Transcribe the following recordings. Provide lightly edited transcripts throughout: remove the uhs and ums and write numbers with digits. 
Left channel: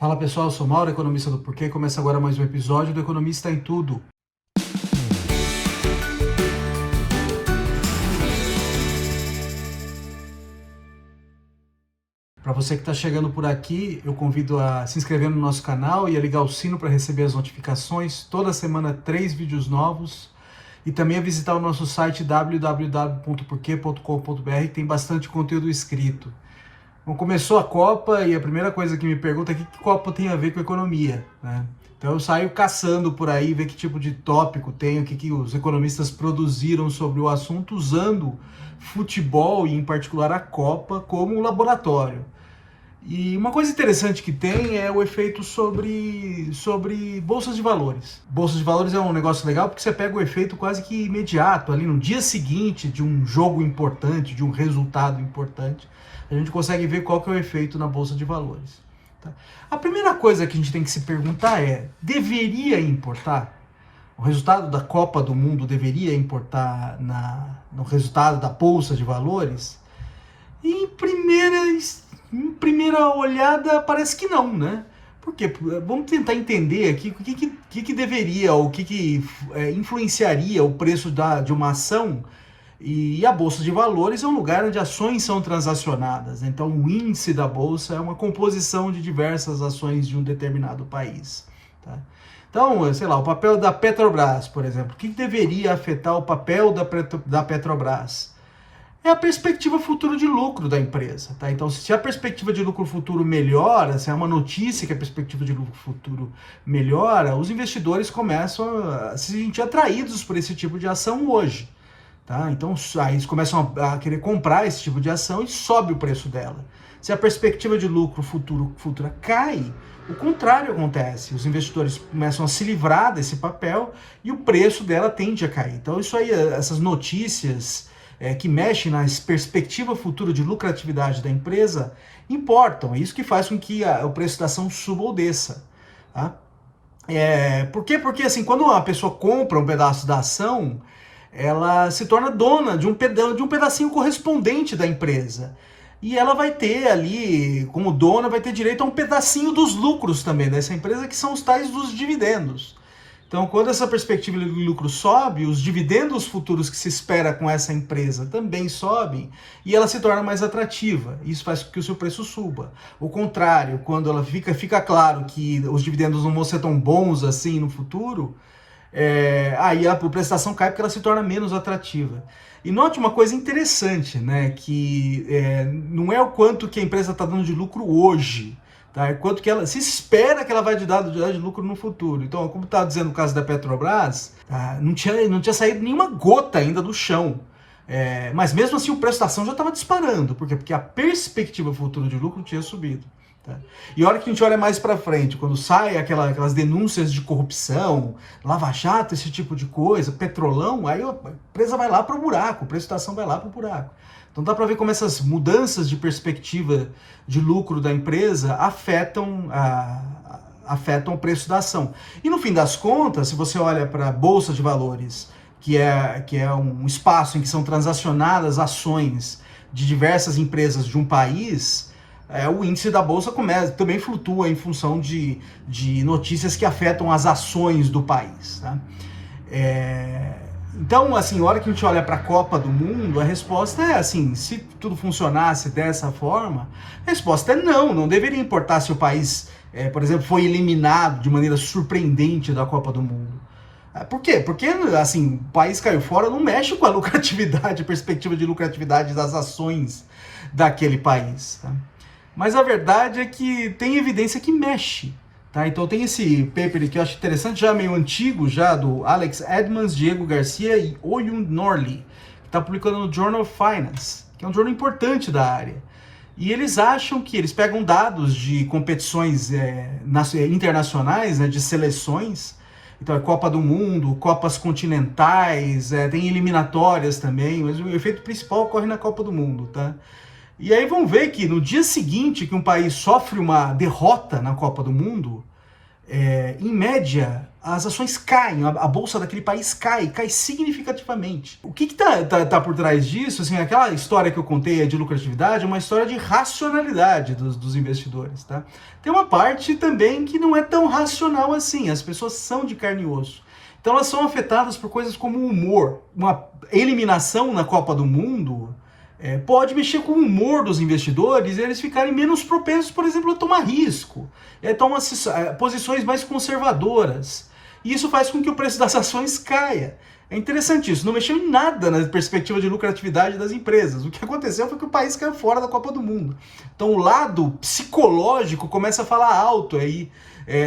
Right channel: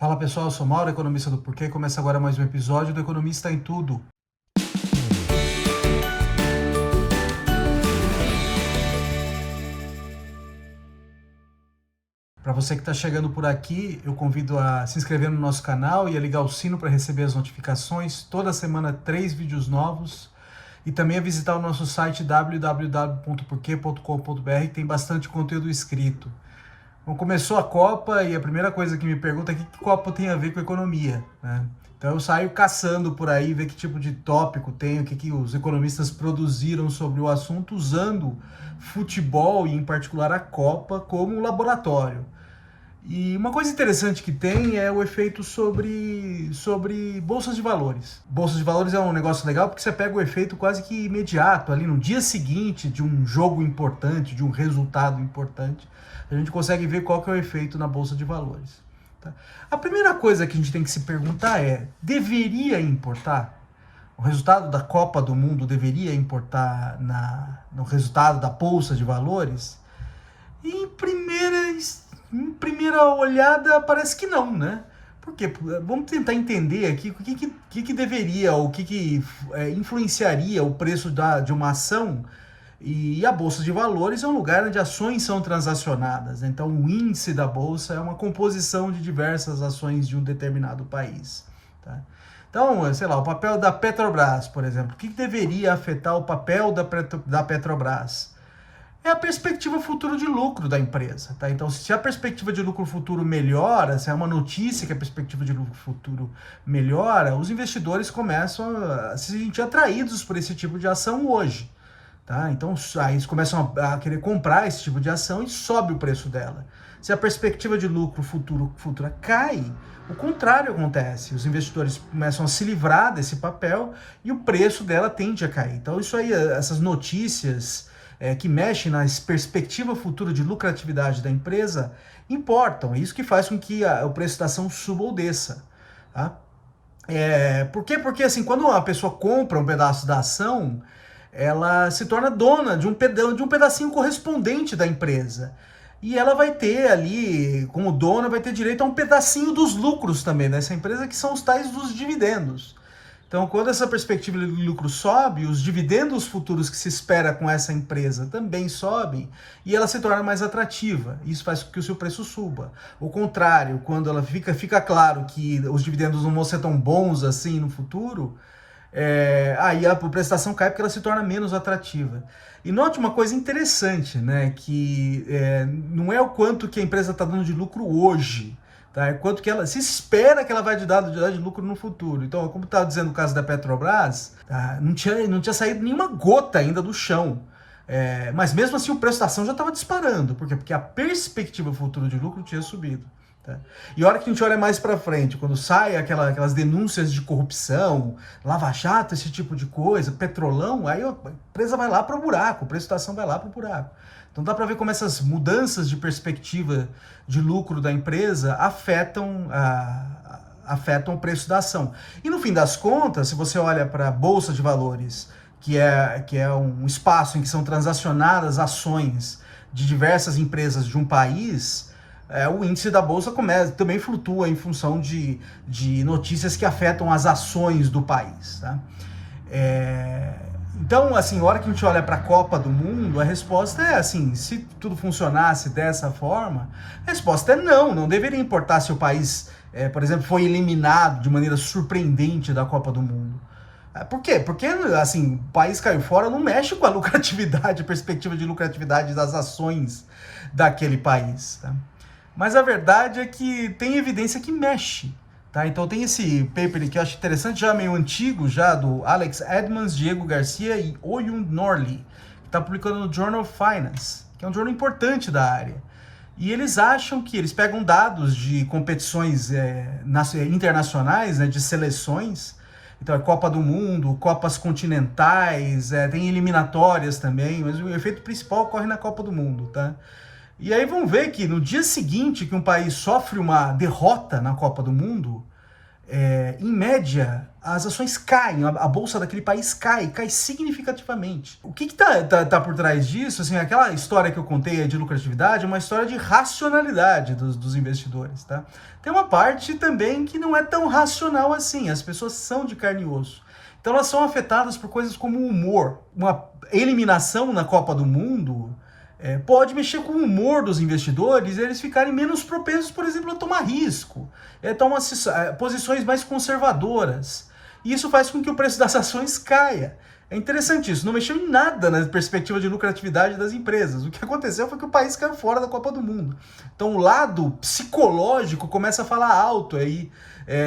Fala pessoal, eu sou Mauro, economista do Porquê, e começa agora mais um episódio do Economista em Tudo. Para você que está chegando por aqui, eu convido a se inscrever no nosso canal e a ligar o sino para receber as notificações. Toda semana 3 vídeos novos. E também a visitar o nosso site www.porquê.com.br, que tem bastante conteúdo escrito. Bom, começou a Copa e a primeira coisa que me pergunta é o que Copa tem a ver com economia, né? Então eu saio caçando por aí, ver que tipo de tópico tem, o que os economistas produziram sobre o assunto, usando futebol e em particular a Copa como um laboratório. E uma coisa interessante que tem é o efeito sobre bolsas de valores. Bolsas de valores é um negócio legal porque você pega o efeito quase que imediato, ali no dia seguinte de um jogo importante, de um resultado importante, a gente consegue ver qual que é o efeito na bolsa de valores. Tá? A primeira coisa que a gente tem que se perguntar é, deveria importar? O resultado da Copa do Mundo deveria importar no resultado da bolsa de valores? E em primeira olhada parece que não, né? Por quê? Vamos tentar entender aqui o que deveria, ou o que influenciaria o preço de uma ação. E a Bolsa de Valores é um lugar onde ações são transacionadas. Então, o índice da Bolsa é uma composição de diversas ações de um determinado país. Tá? Então, sei lá, o papel da Petrobras, por exemplo. O que deveria afetar o papel da Petrobras? É a perspectiva futuro de lucro da empresa. Tá? Então, se a perspectiva de lucro futuro melhora, se é uma notícia que a perspectiva de lucro futuro melhora, os investidores começam a se sentir atraídos por esse tipo de ação hoje. Tá? Então, aí eles começam a querer comprar esse tipo de ação e sobe o preço dela. Se a perspectiva de lucro futura cai, o contrário acontece. Os investidores começam a se livrar desse papel e o preço dela tende a cair. Então, isso aí, essas notícias que mexem na perspectiva futura de lucratividade da empresa importam. É isso que faz com que o preço da ação suba ou desça. Tá? Por quê? Porque assim, quando uma pessoa compra um pedaço da ação, ela se torna dona de um pedacinho correspondente da empresa. E ela vai ter ali, como dona, vai ter direito a um pedacinho dos lucros também dessa empresa, que são os tais dos dividendos. Então, quando essa perspectiva de lucro sobe, os dividendos futuros que se espera com essa empresa também sobem e ela se torna mais atrativa. Isso faz com que o seu preço suba. O contrário, quando ela fica claro que os dividendos não vão ser tão bons assim no futuro, aí a prestação cai porque ela se torna menos atrativa. E note uma coisa interessante, né, que não é o quanto que a empresa está dando de lucro hoje, tá? É quanto que ela se espera que ela vai dar de lucro no futuro. Então, como estava dizendo no caso da Petrobras, tá, não tinha saído nenhuma gota ainda do chão. Mas mesmo assim o preço da ação já estava disparando. Por quê? Porque a perspectiva futura de lucro tinha subido. Tá? E a hora que a gente olha mais para frente, quando sai aquelas denúncias de corrupção, lava-jato, esse tipo de coisa, petrolão, aí a empresa vai lá para o buraco, o preço da ação vai lá para o buraco. Então dá para ver como essas mudanças de perspectiva de lucro da empresa afetam o preço da ação. E no fim das contas, se você olha para a Bolsa de Valores, que é um espaço em que são transacionadas ações de diversas empresas de um país, o índice da Bolsa também flutua em função de notícias que afetam as ações do país. Tá? Então, assim, na hora que a gente olha para a Copa do Mundo, a resposta é assim, se tudo funcionasse dessa forma, a resposta é não deveria importar se o país, por exemplo, foi eliminado de maneira surpreendente da Copa do Mundo. Por quê? Porque, assim, o país caiu fora, não mexe com a lucratividade, a perspectiva de lucratividade das ações daquele país. Tá? Mas a verdade é que tem evidência que mexe. Tá? Então tem esse paper que eu acho interessante, já meio antigo, já do Alex Edmans, Diego Garcia e Oyun Norley, que está publicando no Journal of Finance, que é um jornal importante da área. E eles acham que eles pegam dados de competições internacionais, né, de seleções, então é Copa do Mundo, Copas continentais, tem eliminatórias também, mas o efeito principal ocorre na Copa do Mundo, tá? E aí vão ver que no dia seguinte que um país sofre uma derrota na Copa do Mundo, em média, as ações caem, a bolsa daquele país cai significativamente. O que tá por trás disso? Assim, aquela história que eu contei de lucratividade é uma história de racionalidade dos investidores, tá? Tem uma parte também que não é tão racional assim, as pessoas são de carne e osso. Então elas são afetadas por coisas como o humor. Uma eliminação na Copa do Mundo pode mexer com o humor dos investidores e eles ficarem menos propensos, por exemplo, a tomar risco, a tomar posições mais conservadoras. E isso faz com que o preço das ações caia. É interessante isso, não mexeu em nada na perspectiva de lucratividade das empresas. O que aconteceu foi que o país caiu fora da Copa do Mundo. Então o lado psicológico começa a falar alto aí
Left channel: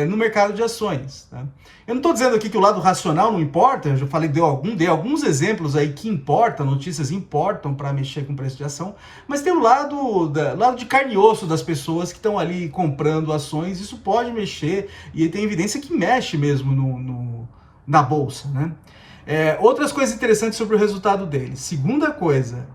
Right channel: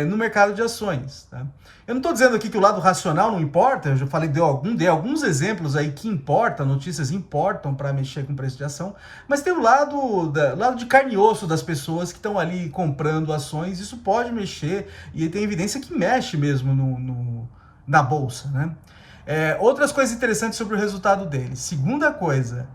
no mercado de ações. Tá? Eu não estou dizendo aqui que o lado racional não importa, eu já falei, dei alguns exemplos aí que importam, notícias importam para mexer com o preço de ação, mas tem o lado de carne e osso das pessoas que estão ali comprando ações, isso pode mexer, e tem evidência que mexe mesmo na bolsa, né? Outras coisas interessantes sobre o resultado deles. Segunda coisa,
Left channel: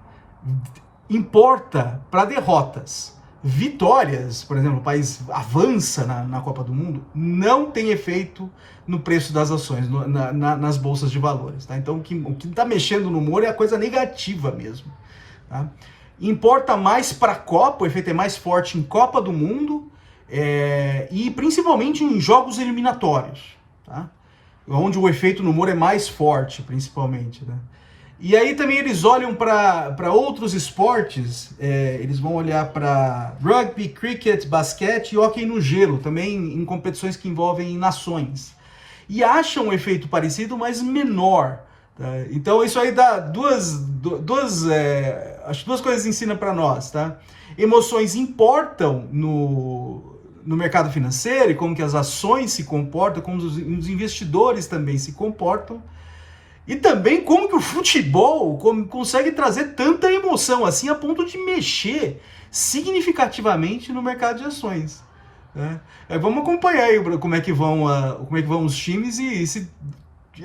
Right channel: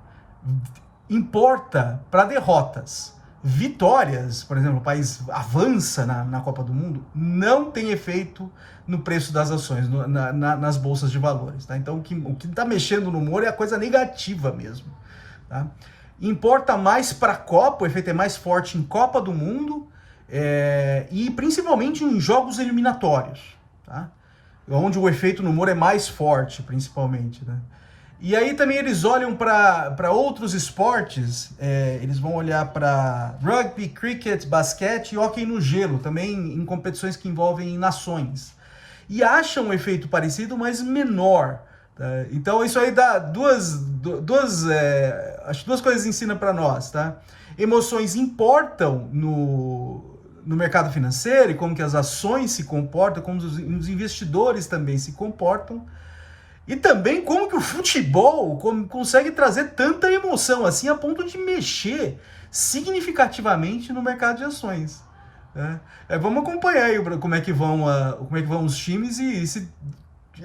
importa para derrotas. Vitórias, por exemplo, o país avança na Copa do Mundo, não tem efeito no preço das ações, nas bolsas de valores. Tá? Então, o que está mexendo no humor é a coisa negativa mesmo. Tá? Importa mais para a Copa, o efeito é mais forte em Copa do Mundo e principalmente em jogos eliminatórios, tá? Onde o efeito no humor é mais forte, principalmente. Né? E aí também eles olham para outros esportes, eles vão olhar para rugby, cricket, basquete e hóquei no gelo, também em competições que envolvem nações. E acham um efeito parecido, mas menor. Tá? Então isso aí dá acho que duas coisas ensina para nós. Tá? Emoções importam no mercado financeiro, e como que as ações se comportam, como os investidores também se comportam. E também como que o futebol consegue trazer tanta emoção assim a ponto de mexer significativamente no mercado de ações. Né? Vamos acompanhar aí como é que vão os times e se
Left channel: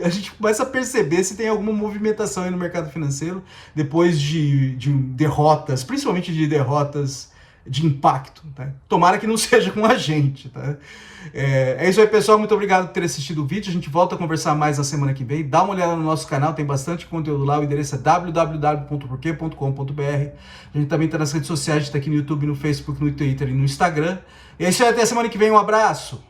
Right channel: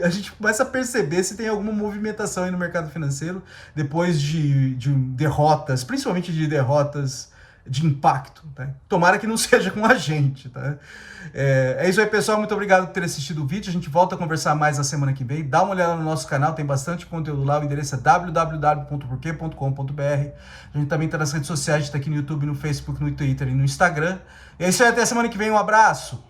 a gente começa a perceber se tem alguma movimentação aí no mercado financeiro depois de derrotas, principalmente de derrotas de impacto, tá? Tomara que não seja com a gente, tá? É isso aí, pessoal, muito obrigado por ter assistido o vídeo, a gente volta a conversar mais na semana que vem, dá uma olhada no nosso canal, tem bastante conteúdo lá, o endereço é www.porquê.com.br, a gente também está nas redes sociais, a gente está aqui no YouTube, no Facebook, no Twitter e no Instagram, e é isso aí, até a semana que vem, um abraço!